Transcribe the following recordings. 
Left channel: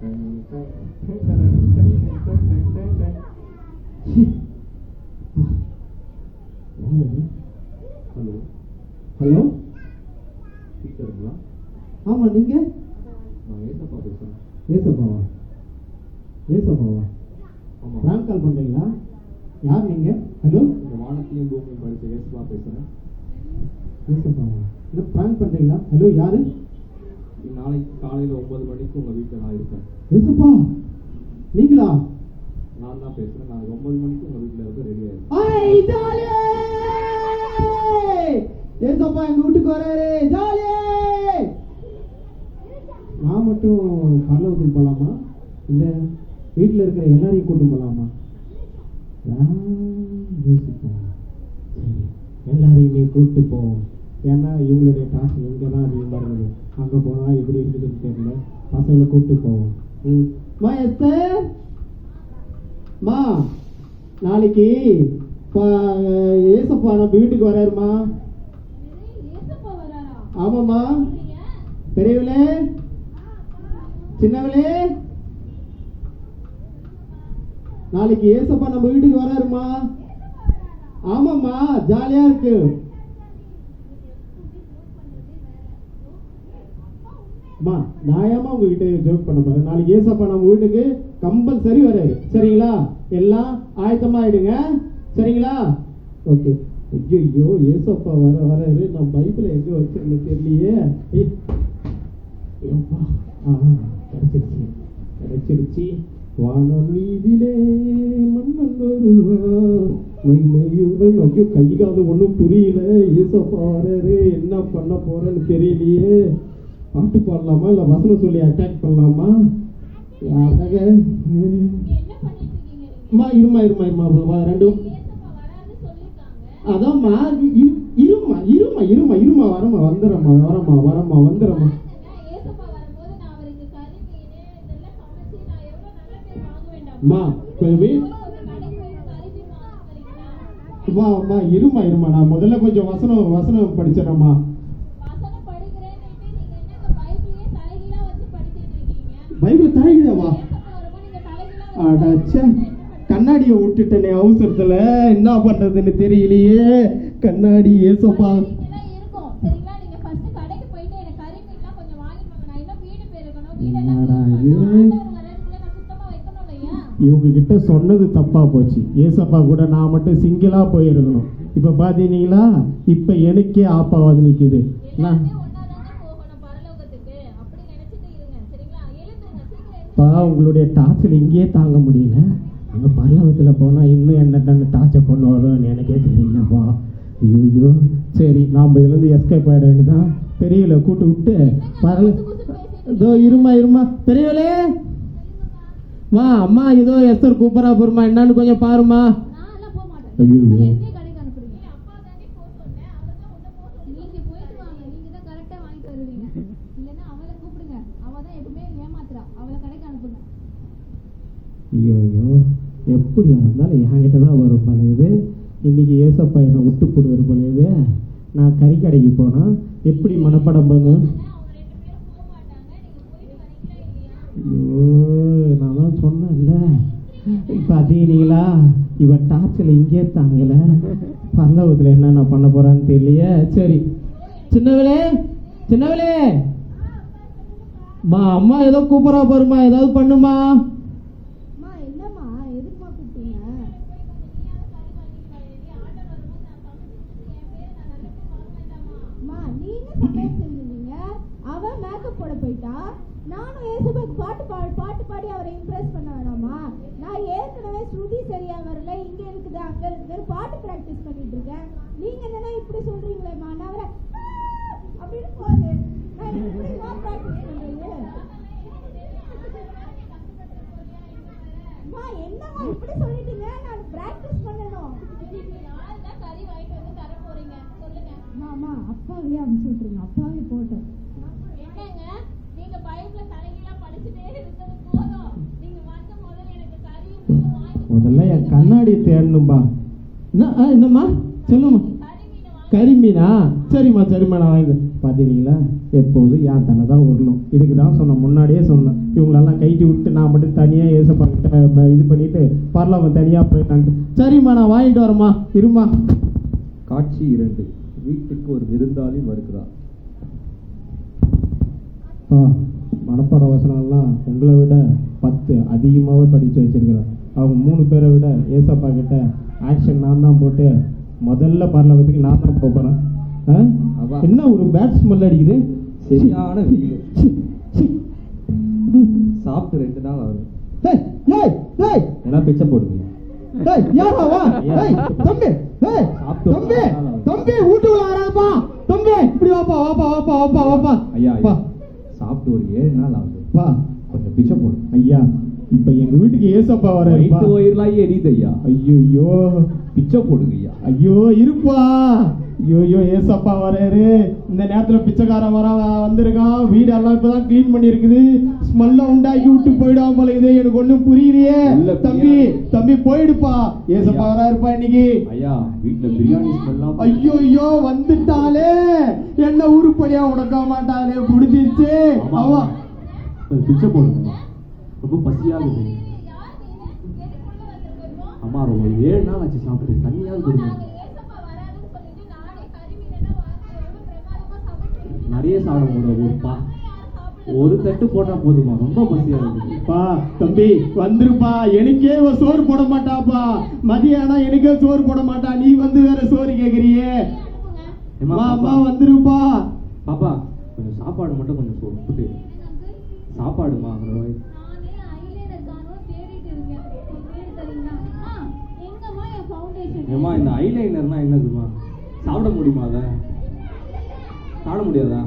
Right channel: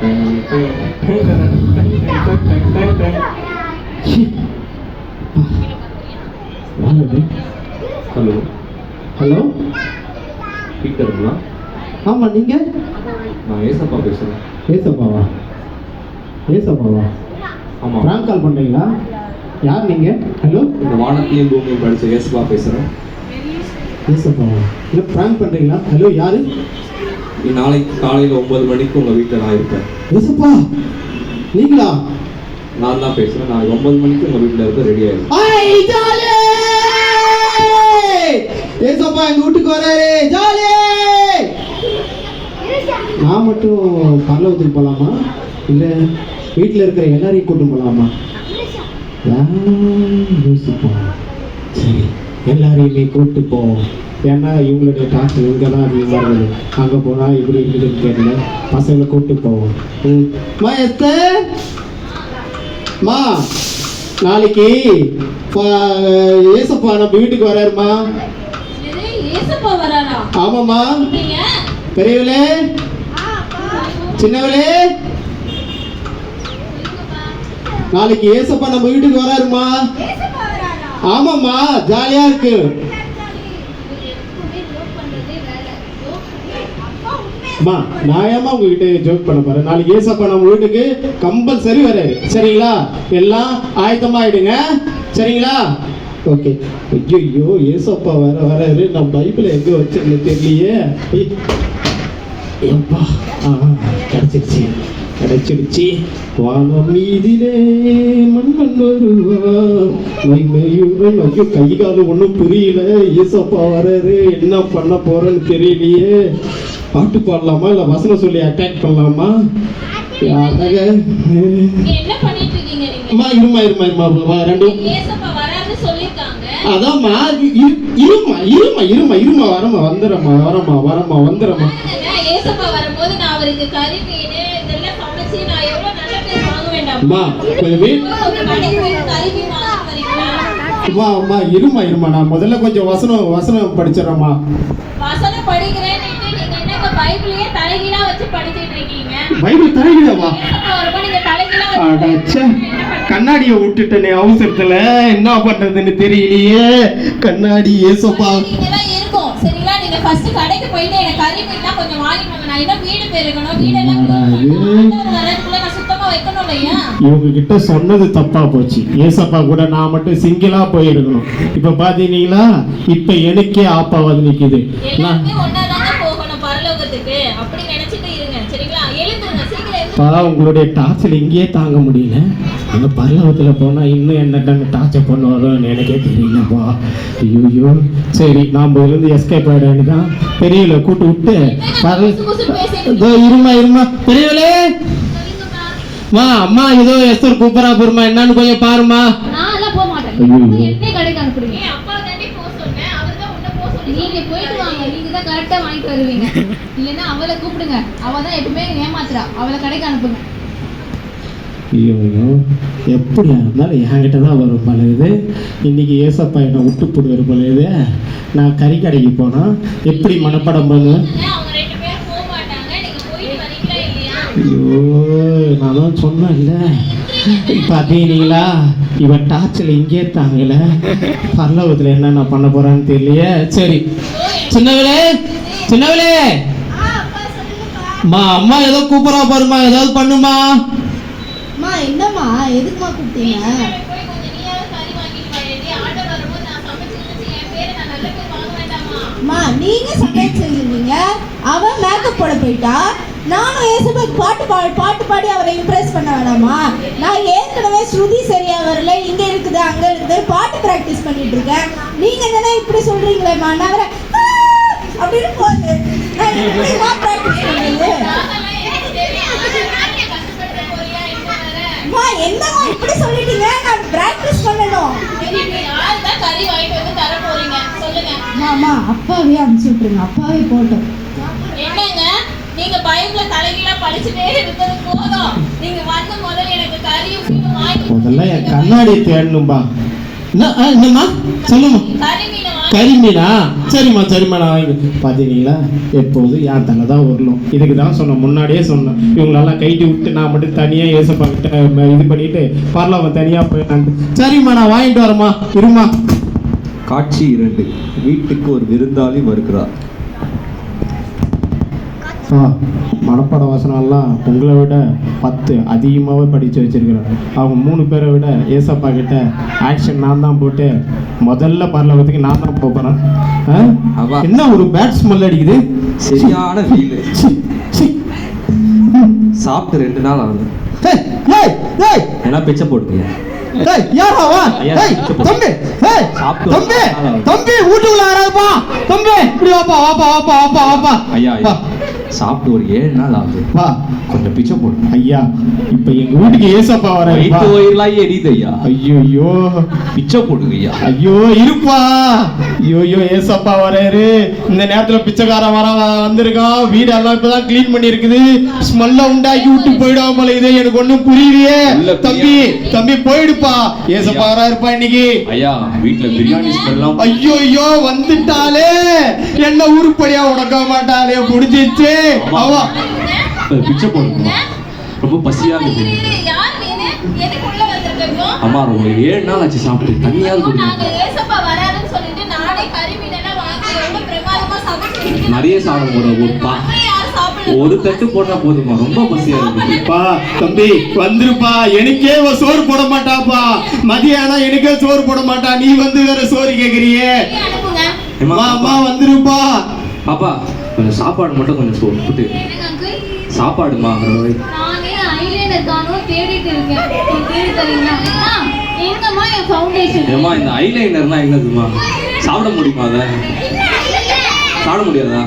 Hello hello, பீட்டருங்களா? ஆமாம், நீங்கள்? நான் ஏசப்பா பேசுகிறேன். ஏசப்பாவா? ஏசப்பாவா? ஆமாம். ப்ராங்க் கால் பண்ணுறீங்களா? யார் நீங்கள்? ஹலோ, இந்த வானத்தையும் பூமியும் படித்த ஏசப்பா பேசுகிறேன். ஏசப்பாவா? இல்லை, ப்ராங்க் பண்ணுறீங்களா? ஹலோ, யார்? நாளைக்கு காலையில் 9 மணிக்கு உங்கள் வீட்டில் நான் இருப்பேன். ஏசப்பா நீங்களா? நான் தான் பேசுகிறேன். நாளைக்கு 9 மணிக்கு உங்கள் வீட்டில் இருக்க ரெடி ஆகிடும். ஏசப்பா எங்கள் வீட்டுக்கு வராரு, ஜாலி. நான் மட்டும் பரலோகத்துக்கு போகலாமா, இல்லை வீட்டில் இருக்கிற எல்லாரையும் கூட்டு போகலாமா? யோசிப்போம். சரி, எல்லாரையுமே கூப்பிட்டு போவோம். ஏன்னா இவங்களுடைய காசு இங்கே தான் அதிகமாக இருக்குது. அங்கே போனால் இப்படி இருக்குதுன்னு கேட்கல, பசங்களை கூப்பிட்டு போவோம். மா எஸ்தர், மா நாளைக்கு ஏசப்பா நம்ம வீட்டுக்கு வராருமா. ஆமாம்மா. பெரியவளே, சின்னவளே, நாளைக்கு ஏசப்பா நம்ம வீட்டுக்கு வராருமா. ஆமாம்மா, ஜாலியா இருக்கு. அம்மா, நான் ஏமா உங்ககிட்ட ஜோக் பண்ண போறேன். நாளைக்கு ஏசப்பா நம்ம வீட்டுக்கு கம்பல்சரி வராரு. சரிங்களா? எல்லாம் ஆயத்தமாயிடுங்க. சரிங்களா? ஓகே. ஐயோ, ஏசப்பா வராரு. நான் பைபிள் எங்க வச்சிருந்தேன் தெரியலையே. எப்பா, கிடைச்சிடுச்சு. வானம் மீதிலே மன்னன் வருவான் மைமையுடன். ஐயோ, கை காலம் ஒன்றும் புரியல. ஏசப்பா வராரு, என்ன பண்ண போறேன்னு தெரியலையே. பாட்டு பாடலாமா இல்லை வசனம் சொல்லி அட்டாக் பண்ணலாமா? இருமா ரெண்டும். அதாம்மா, இருமா வந்துடுறமா. இருமா நான் முதல்ல கொஞ்சம் வசனம் படிச்சிடறேம்மா. பைபிள் தலைகீழவா? கண்ணாடியை விட்டுட்டனே அவசரத்துல, என்ன பண்றதுன்னு தெரியலையே. கண்ணாடி ஏசப்பா இவங்க கிட்ட சொன்னது தப்பா போச்சு. ஏசப்பா கூட நான் மட்டும் சிங்கிளா போயிருக்கணும். இப்ப பாத்தீங்களா, இப்ப எனக்கே ஆப்பா வந்து நிக்குது. உங்களுடைய டார்ச்சர் இங்கேயே தாங்க முடியல. அந்த பரலோகத்தில் போனால் இன்னும் என்ன டார்ச்சர் பண்ணுவாரோன்னு எனக்கே தெரியலப்பா. ஐயோ, சரி நாம் இருந்து எஸ்கேப் ஆகிட வேண்டியதான். பெரியவளை கூட்டு விட்டு இருமா பெரியவளே, மா அம்மா ஏதோ எஸ்தர் கூப்பிடா போருமா, என்னன்னு கொஞ்சம் பாருமா. அவளை கூப்பிடுங்க, அவதான் எப்பவுமே ஏமாத்துறா. அவளை கடைக்கு அனுப்புங்க. ஐயோ, எப்படியா இருந்தாலும் என்கிட்ட தான் வரும் பழையது. இன்னைக்கு ஏசப்பா என்னை விட்டு போடுவார் பழையது. நான் கறிக்கடைக்கு போனால் எப்படி மனப்படம் பண்ணுவேன்? ஐயோ, நான் தான் சொன்னேன்ல. பார்த்தீங்களா, இவன் டார்ச்சில் இங்கே தாங்கல. பரலோகத்தில் என்னென்ன பண்ண போறான்னு தெரியலையே. சரி, சின்னவளே, அம்மா ஏதோ கூப்பிடா பாருமா, ஏதாவது பண்ணுமா. என்னம்மா, எதுக்குமா கூப்பிட்டீங்க? நீங்க சமையல் செஞ்சிருந்தீங்க, அவன் மேக்கப் போட போயிட்டா. நானும் ஏசப்பாக்கு பாட்டு பாடி அவரை இம்ப்ரெஸ் பண்ண வேணாமா? நான் ஏற்கனவே ஸ்ருதி சரியா வரல, இங்க இருக்குது அங்க இருக்குது, பாட்டு பிராக்டிஸ் பண்ணிட்டு இருக்கேன். நீங்க என்ன இப்படி சொல்றீங்களேம்மா? நான் அவரை அப்படின்னு போகுது. என்னமா இப்படி சொல்லிட்டீங்க? நான் பிராக்டிஸ் பண்ணணும். மாமா, அப்பாவே அனுப்பிச்சு விட்டுருங்க. அப்பாவே போட்டோம். என்னங்க நீங்க பைபிள தலைகீழா படிச்சுட்டே இருக்கிறது போதும். நீங்க வந்து முதல்ல எனக்கு கறியும் மீனும் வாங்கி முதல்ல என் கண்ணாடி தேடணும்பா. என்னம்மா சொல்லுமா? கறி மீன் கரிமீனா? சரிம்மா சரிம்மா, நான் வாங்கி பார்த்தீங்களா, எப்போதும் என் தலை தான் வரணும். இதுக்கு தான் சொன்னேன், முன்னாடியே சொன்னேன். இவங்களெல்லாம் கைட்டி விட்டு நான் மட்டும் தனியாக ஏசப்பா கிட்ட இது பண்ணிட்டு பரவாயில்ல தனியாக போயிட்டாங்க. சரிம்மா நான் வாங்கிட்டு வரேம்மா, இருமா. காட்சி 2. வீட்டுக்கு ஒரு விருந்தாளி வருகிறார். மனப்பாட வசனம்லாம் உங்களை விட 10 அதிகமாகவே படித்து வச்சிருக்கிறாங்க. அவங்க 3 பேரை விட ஏசப்பா கிட்ட ஆக்ஷன் நான் தான் போட்டு முதல்ல பரலோகத்துக்கு நான் தான் போகிறேன். என்ன ஒரு பேட் ஸ்மெல் அடிக்குது, சரியான ஃபீல். சாப்பிட்டு 2 நாள் ஆகுது. ஏன்னா பிச்சை போடுங்க. சாப்பிட்டு ஒரு 7 நாள் ஆகுது. கொஞ்சம் பிச்சை போடுங்க ஐயா. இப்ப எங்க வீட்டுக்கு ஏசப்பா வர எரியுது ஐயா. ஐயோ பிச்சை போடுங்க ஐயா. ஐயோ இருப்பா. ஐயோ ஏசப்பா வராரு. இந்த நேரத்துல பிச்சைக்காரன் வந்திருக்கான். வீடெல்லாம் இப்பதான் கிளீன் பண்ணி இருக்குது. ஸ்மெல்ல உண்டாக்கி விட்டு போயிடாம போல இது எனக்கு ஒண்ணும் புரியலையே. தம்பி போயிடுப்பா. ஏசப்பா வராருப்பா இன்னைக்கு. ஐயா வீட்டுல பிரியாணி ஸ்மெல்லாம். ஐயோ வந்துட்டாலே, என்ன உருப்படியா உடக்க மாட்டாளே, முடிஞ்சிச்சு. அவா பிச்சை போடுங்க. ரொம்ப பசியா இருக்கு. அம்மா ரொம்ப 7 நாள் ஆச்சு சாப்பிட்டு. தண்ணியாவது குடிங்க. நிறைய சாப்பிட ஒரு தட்டு போட்டா போதுமா, ரொம்ப பசியா இருக்குப்பா. தம்பி வந்துருப்பா. எனக்கே சோறு போட மாட்டாப்பா. மதியானம் எனக்கே சோறு போட மாட்டா. நீ வந்து வேற சோறு கேக்குறியே. அம்மா வந்துருப்பா. பாப்பா கொஞ்சம் சாப்பாடு மட்டும் கொஞ்சம் போட்டு. சாப்பாடுமா நானே ஐலைனர் காணோம் தேடிட்டு இருக்கேன். தேடி தரீங்களா? எங்கம்மா என் ஃபவுண்டேஷன்? ஏமா இந்த ஐலைனர்னா என்னதுமா? சாப்பிட முடியுமா? அத சாப்பிட முடியாதா?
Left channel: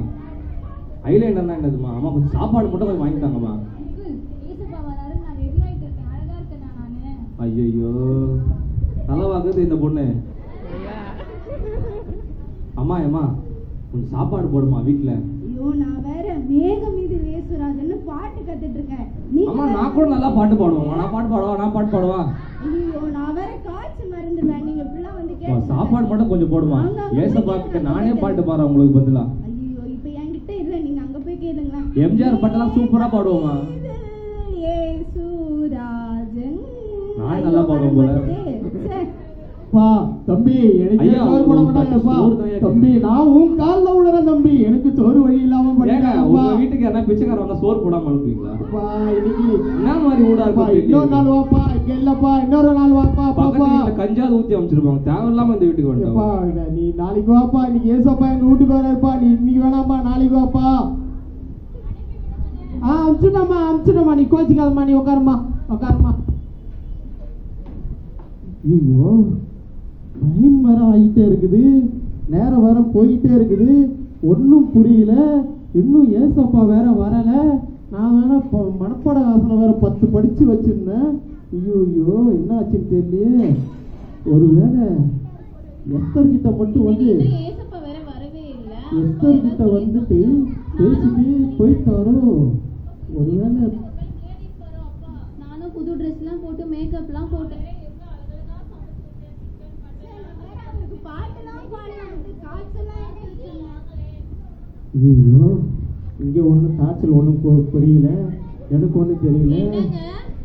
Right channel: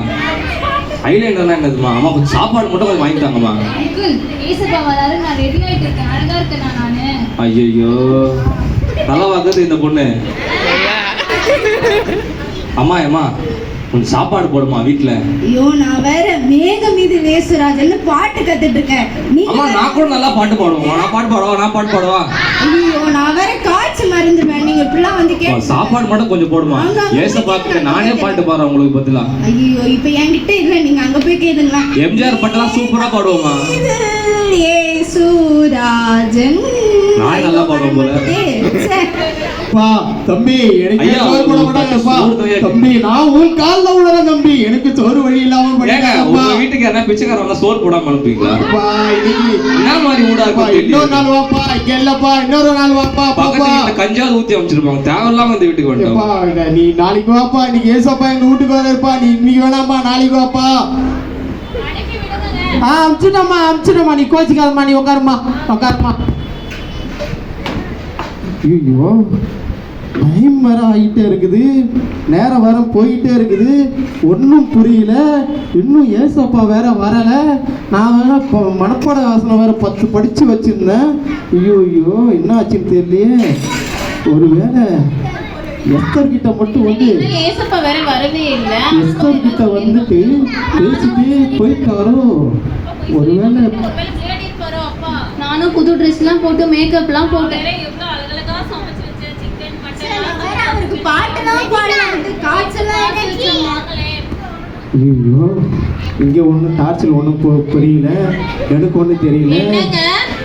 ஐலைனர்னா என்னதுமா? அம்மா கொஞ்சம் சாப்பாடு மட்டும் கொஞ்சம் வாங்கி தாங்கம்மா. அங்கிள் ஏசப்பா வராரு, நான் ரெடி ஆயிட்டு இருக்கேன். அழகா இருக்கேனா நானு? ஐயோ நல்லா வாங்குது இந்த பொண்ணு. அம்மா ஏமா கொஞ்சம் சாப்பாடு போடுமா வீட்டுல. ஐயோ நான் வேற மேக மீது நேசுராஜன்னு பாட்டு கத்துட்டு இருக்கேன். அம்மா நான் கூட நல்லா பாட்டு பாடுவோம். நான் பாட்டு பாடுவா. ஐயோ நான் வேற காய்ச்சி மருந்துவேன். நீங்க இப்படிலாம் வந்து கேட்டு சாப்பாடு மட்டும் கொஞ்சம் போடுமா. ஏசப்பாக்கு நானே பாட்டு பாடுறேன் உங்களுக்கு பதிலா. ஐயோ இப்ப என்கிட்ட இல்ல, நீங்க அங்க போய் கேளுங்களா. எம்ஜிஆர் பாட்டெல்லாம் சூப்பரா பாடுவோமா. ஏசுராஜன் நான் நல்லா பாடுவேன் போல. தம்பி எனக்கு சோறு போட மாட்டாங்கப்பா. தம்பி நான் உன் கால்ல விடுறேன் தம்பி. எனக்கு சோறு வழி இல்லாம உங்க வீட்டுக்கு யாரா பிச்சைக்காரங்க சோறு போடாம அனுப்புவீங்களா? என்ன மாதிரி ஊடா இருக்கு. இன்னொரு நாள் வாப்பா. இங்க இல்லப்பா, இன்னொரு நாள் வாப்பா. பாப்பா கஞ்சாவது ஊத்தி அமைச்சிருப்பாங்க. தேவையில்லாம இந்த வீட்டுக்கு வந்துட்டோம். நீ நாளைக்கு வாப்பா. இன்னைக்கு ஏசப்பா எங்க வீட்டுக்கு வராருப்பா. நீ இன்னைக்கு வேணாம்மா, நாளைக்கு வாப்பா. அமிச்சிட்டம்மா. நீ கோச்சிக்காதம்மா. நீ உட்காருமா. ஐயோ டைம் வேற ஆகிட்டே இருக்குது. நேரம் வேற போயிட்டே இருக்குது. ஒன்றும் புரியல. இன்னும் ஏசப்பா வேற வரல. நான் வேற மனப்பாட வாசனை வேற 10 படிச்சு வச்சிருந்தேன். ஐயோ என்ன ஆச்சுன்னு தெரியலையே. ஒருவேளை எஸ்தர் கிட்ட மட்டும் வந்து ஏசப்பா வேற வரவே இல்ல. எஸ்தர் கிட்ட வந்துட்டு பேசிட்டே போயிட்டாரோ. ஒருவேளை நானும் புது ட்ரெஸ்லாம் போட்டு மேக்கப்லாம் போட்டேன். ஐயோ இங்க ஒண்ணு டார்ச்சல் ஒண்ணு புரியல. எனக்கு ஒண்ணு தெரியல.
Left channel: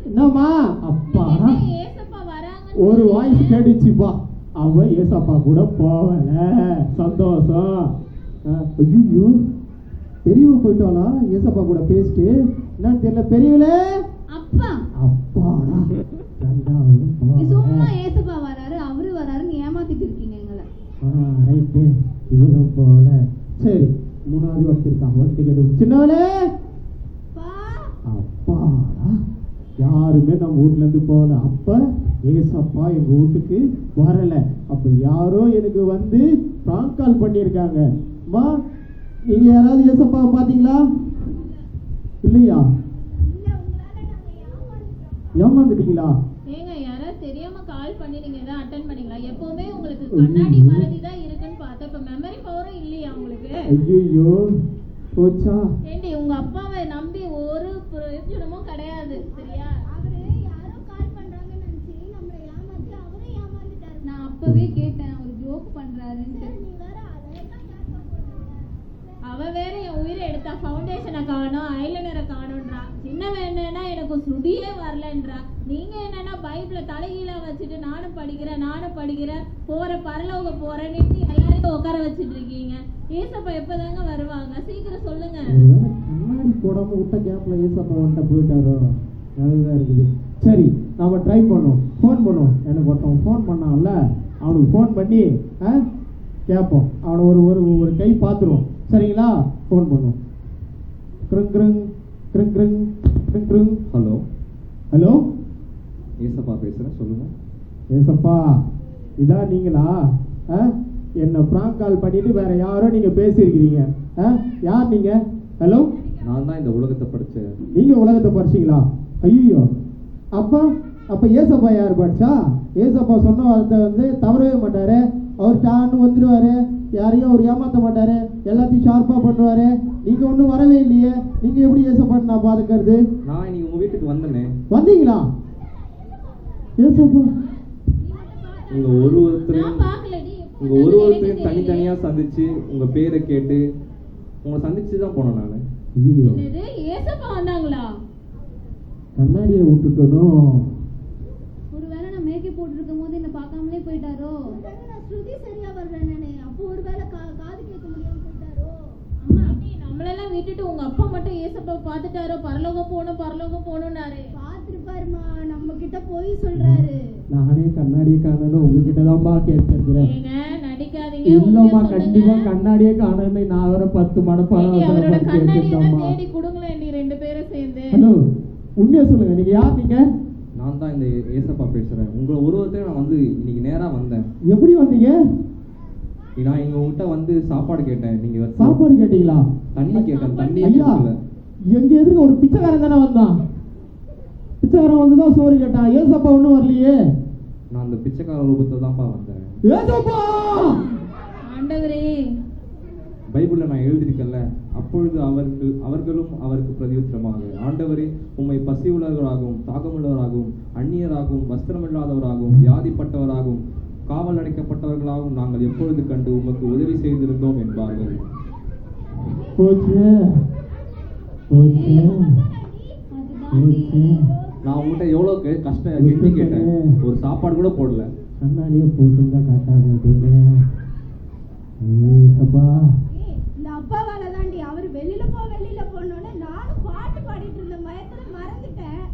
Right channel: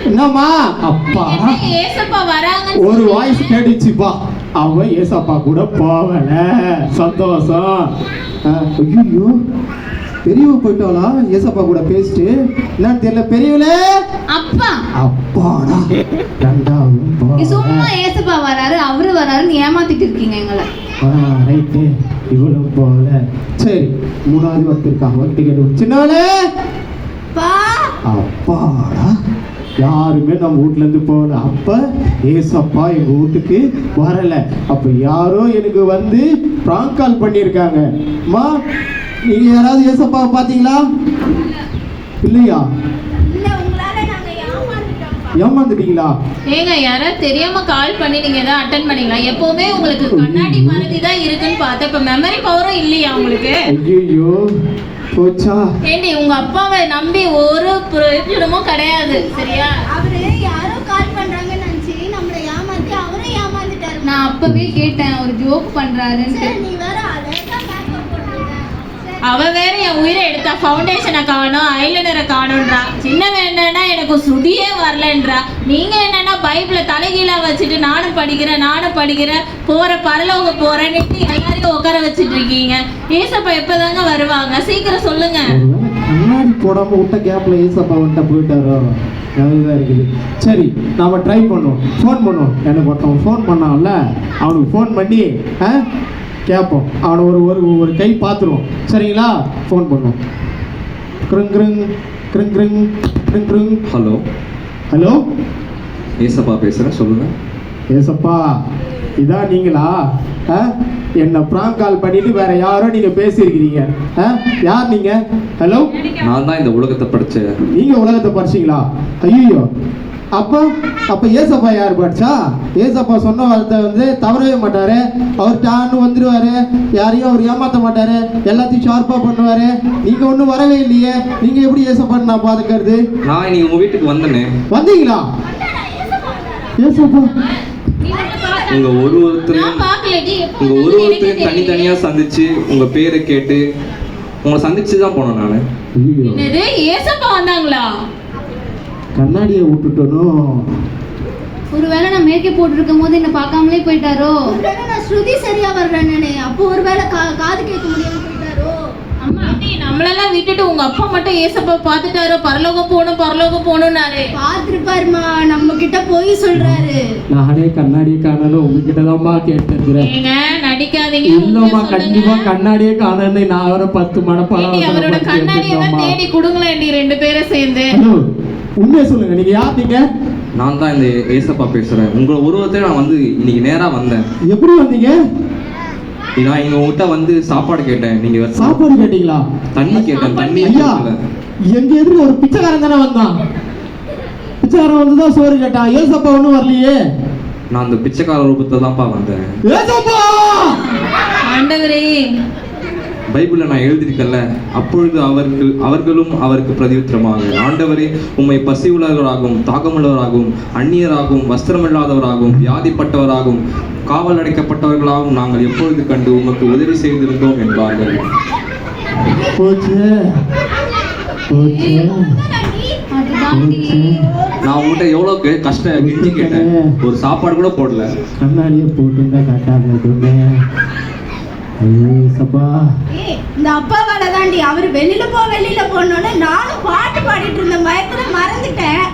என்னம்மா அப்பா ஏசப்பா வராங்க ஒரு வாய்ஸ் கேட்டுச்சுப்பா. அவ ஏசப்பா கூட போகல. சந்தோஷம். ஐயோ பெரியவ போயிட்டாளா ஏசப்பா கூட பேசிட்டு? என்னன்னு தெரியல. பெரியவளே அப்பாடா. ரெண்டாவது சும்மா ஏசப்பா வராரு அவரு வராருன்னு ஏமாத்திட்டு இருக்கீங்க எங்களை. ரைட்டு இவளும் போகல. சரி 3வது வந்திருக்காங்க. டிக்கெட் சின்னவனே. அப்பாடா யாருமே நம்ம வீட்டுல இருந்து போகல. அப்ப ஏசப்பா எங்க வீட்டுக்கு வரல. அப்ப யாரோ எனக்கு வந்து பிராங்க் கால் பண்ணியிருக்காங்க. அம்மா நீங்க யாராவது ஏசப்பாவை பாத்தீங்களா? இல்லையா? ஏமாந்துட்டீங்களா? ஏங்க யாராவது தெரியாம கால் பண்ணி நீங்க ஏதாவது அட்டெண்ட் பண்ணீங்களா? எப்பவுமே உங்களுக்கு கண்ணாடி மறதி தான் இருக்குன்னு பார்த்தா இப்ப மெமரி பவரும் இல்லையா உங்களுக்கு? ஐயோ போச்சா. ஏண்டி உங்க அப்பாவை நம்பி ஒரு பிரயோஜனமும் கிடையாது. சரியா? அவரு யாரோ கால் பண்றாங்கன்னு நினைச்சு நம்மள ஏமாத்தி அவரே ஏமாந்துட்டாரு. நான் அப்பவே கேட்டேன் ஒரு ஜோக் பண்றாருன்ட்டு. நீ வேற அழகா மேக்கப் போடுறீங்க. அவ வேற என் உயிரை எடுத்தா ஃபவுண்டேஷனை காணும் ஐலைனரை காணும்ன்றா. சின்னவன் என்னன்னா எனக்கு ஸ்ருதியே வரலன்றா. நீங்க என்னன்னா பைபிளை தலைகீழா வச்சுட்டு நானும் படிக்கிறேன் போற பரலோக போறேன்னு எல்லாரையும் உட்கார வச்சுட்டு இருக்கீங்க. ஏசப்பா எப்பதாங்க வருவாங்க? சீக்கிரம் சொல்லுங்க. கண்ணாடி போடாம விட்ட கேப்ல ஏசப்பா வந்துட்டா போயிட்டாரோ? அதுதான் இருக்குது. சரி, நாம ட்ரை பண்ணுவோம். ஃபோன் பண்ணுவோம். எனக்கு ஒருத்தவன் ஃபோன் பண்ணான்ல, அவனுக்கு ஃபோன் பண்ணி கேட்போம். அவனை ஒரு கை பார்த்துருவோம். சரிங்களா? ஃபோன் பண்ணுவோம். கிருங் கிருங் கிருங் கிருங் கிருங் கிருங். ஹலோ, ஹலோ, ஏசப்பா பேசுகிறேன், சொல்லுங்கள். ஏசப்பா இதான் நீங்களா? என்ன ப்ராங்க் கால் பண்ணிட்டு வேற யாரோ நீங்க பேசியிருக்கிறீங்க. யார் நீங்க? ஹலோ, நான் தான் இந்த உலகத்தை படித்தேன். நீங்க உலகத்தை படிச்சீங்களா? ஐயோ, அப்ப ஏசப்பா யார் படிச்சா? ஏசப்பா சொன்ன வார்த்தை வந்து தவறவே மாட்டாரு. அவர் டான்னு வந்துடுவாரு. யாரையும் அவர் ஏமாத்த மாட்டாரு. எல்லாத்தையும் ஷார்ப்பா பண்ணுவாரு. நீங்க ஒன்றும் வரவே இல்லையே. நீங்க எப்படி ஏசப்பான்னு நான் பாத்துக்கிறது? நான் இன்னைக்கு உங்க வீட்டுக்கு வந்தேனே. வந்தீங்களா? ஏசப்பா உங்க ஒருத்தரையும் தனித்தனியா சந்திச்சு உங்க பேரை கேட்டு உங்களை சந்திச்சு தான் போனேன் நான். என்னது, ஏசப்பா வந்தாங்களா? கண்ணாடியை விட்டுட்டோம். ஒருவேளை நான் மேக்கப் போட்டுருக்கும் போது என்ன பார்க்காமலே போயிட்டாரோ? ஒருவேளை நான் ஸ்ருதி சரியா வர்றேன்னு அப்போ ஒருவேளை காது கேட்க முடியாம போயிட்டாரோ? அம்மா, நம்மளெல்லாம் விட்டுட்டு உங்க அப்பா மட்டும் ஏசப்பா பார்த்துட்டாரோ? பரலோகம் போகணும்னாரு. பார்த்துருப்பாருமா, நம்ம கிட்ட போய் சொல்றாரு. நானே கண்ணாடியை காணல, உங்ககிட்ட தான்மா கேட்டுக்கிறேன். ஏங்க நடிக்காதீங்க. இல்லம்மா, கண்டிப்பா கண்ணாடியே காணல. நான் வர 10 மடப்பா அவரோட கண்ணாடியை தான் தேடி கொடுங்களேன், 2 பேரும் சேர்ந்து. உண்மையை சொல்லுங்க, நீங்க யார்? நீங்க? நான் தான் இந்த ஏசப்பா பேசுறேன். உங்களை ஒருவரத்தை நான் வந்து இன்னைக்கு நேரா வந்தேன். எப்படி வந்தீங்க? நான் எங்க கிட்ட வந்து சாப்பாடு கேட்டேன். நீங்க சாப்பாடு கேட்டீங்களா? தண்ணி கேட்டேன். தண்ணி ஐயா, எங்க எதிர்க்க ஒரு பிச்சைக்காரன் தானே வந்தான். பிச்சைக்காரன் வந்துதான் சோறு கேட்டான். ஏசப்பா ஒண்ணும் வரலையே. நான் அந்த பிச்சைக்கார ரூபத்தை தான்ப்பா வந்தேன். ஏசப்பா! ஆண்டவரே, பைபிள்ல நான் எழுதியிருக்கல, அப்பொழுது அவர்களும் அவருக்கு பிரதியுத்தரமாக, ஆண்டவரே, உம்மை பசி உள்ளவராகவும் தாகமுள்ளவராகவும் அந்நியராகவும் வஸ்திரமில்லாதவராகவும் வியாதிப்பட்டவராகவும் காவல் அடைக்கப்பட்டவர்களாகவும் நாங்கள் எப்பொழுது கண்டு உமக்கு உதவி செய்திருந்தோம் என்பார்கள். நான் உங்கள்கிட்ட எவ்வளவு கஷ்டம் கெஞ்சி கேட்டேன், ஒரு சாப்பாடு கூட போடல. கண்ணாடியை போட்டு கட்டாங்க. இந்த அப்பாவால தாண்டி அவர் வெளியில போனோன்னு நானும் பாட்டு பாடிட்டு இருந்த பயத்துல மறந்துட்டேன்.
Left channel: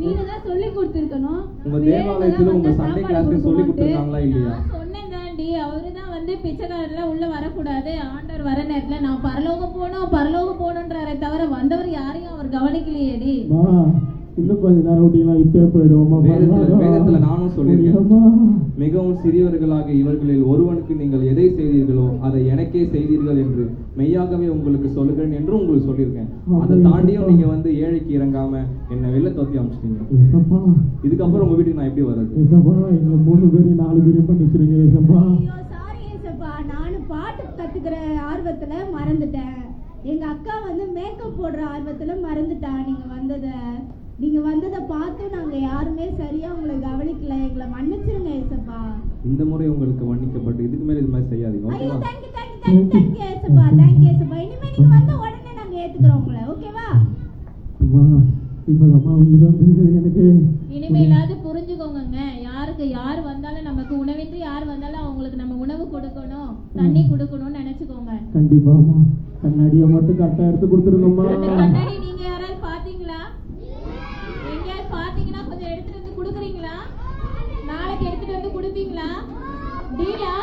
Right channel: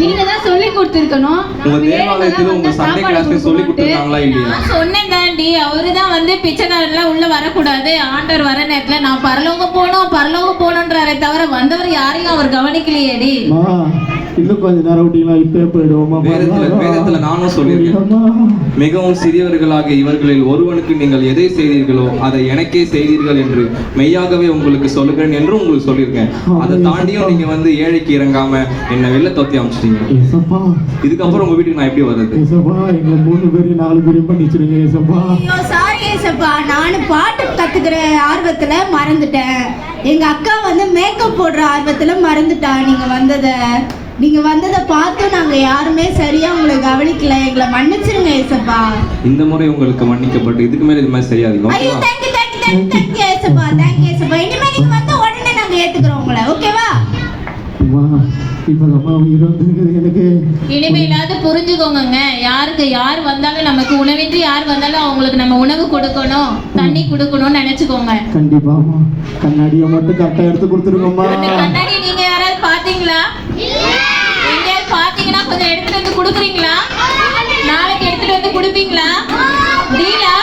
நீங்க தான் சொல்லி கொடுத்துருக்கணும். உங்க தேவாலயத்துல உங்க சண்டே கிளாஸ்ல சொல்லி கொடுத்துருக்காங்களா இல்லையா? நான் சொன்னேன் தாண்டி, அவருதான் வந்து பிச்சைக்காரர்லாம் உள்ள வரக்கூடாது, ஆண்டவர் வர நேரத்துல நான் பரலோகம் போகணும்ன்றாரே தவிர வந்தவர் யாரையும் அவர் கவனிக்கலையேடி. இன்னும் கொஞ்ச நேரம் விட்டீங்களா? இப்பே போயிடுவோமா? வேதத்துல நானும் சொல்லியிருக்கேன், மிகவும் சிறியவர்களாக இவர்களில் ஒருவனுக்கு நீங்கள் எதை செய்தீர்களோ அதை எனக்கே செய்தீர்கள் என்று மெய்யாகவே உங்களுக்கு சொல்லுகிறேன் என்று உங்களுக்கு சொல்லியிருக்கேன். அதை தாண்டியும் நீங்க வந்து ஏழைக்கு இறங்காம என்ன வெளில தொத்தி அமைச்சிட்டீங்க. இதுக்கப்புறம் உங்க வீட்டுக்கு நான் எப்படி வர்றது? எங்க 3 பேரையும் 4 பேரையும் பண்ணிச்சிருங்க. ஐயோ சாரி ஏசப்பா, நானும் பாட்டு கத்துக்கிற ஆர்வத்துல மறந்துட்டேன். எங்க அக்கா வந்து மேக்கப் போடுற ஆர்வத்துல மறந்துட்டா. நீங்க வந்ததை பார்த்து நாங்க யாருமே சரியா உங்களை கவனிக்கல. எங்களை மன்னிச்சிருங்க ஏசப்பா. இந்த முறை உங்களுக்கு மன்னிக்கப்பட்டு இதுக்கு மேல இது மாதிரி செய்யாதீங்க. ஐயோ தேங்க் யூ ஏசப்பா. இனிமே நீங்க வந்து உடனே நாங்க ஏத்துக்கிறோம் உங்களை. ஓகேவா? எனக்கு இனிமேலாவது புரிஞ்சுக்கோங்க, யாருக்கு யார் வந்தாலும் நமக்கு உணவின்றி யார் வந்தாலும் அவங்களுக்கு நம்ம உணவு கொடுக்கணும், தண்ணி கொடுக்கணும்னு நினைச்சுக்கோங்க. கண்டிப்பா கண்ணாடியை மட்டும் கரெக்டா எடுத்து கொடுத்துருக்கோம்மா. கண்ணாடி நீங்க யாராவது பாத்தீங்களா? பாத்தீங்கன்னா கொஞ்சம் எடுத்துட்டு வந்து கொடுக்குறீங்களா? நாளைக்கு எடுத்துட்டு வந்து கொடுப்பீங்களா? டீலா?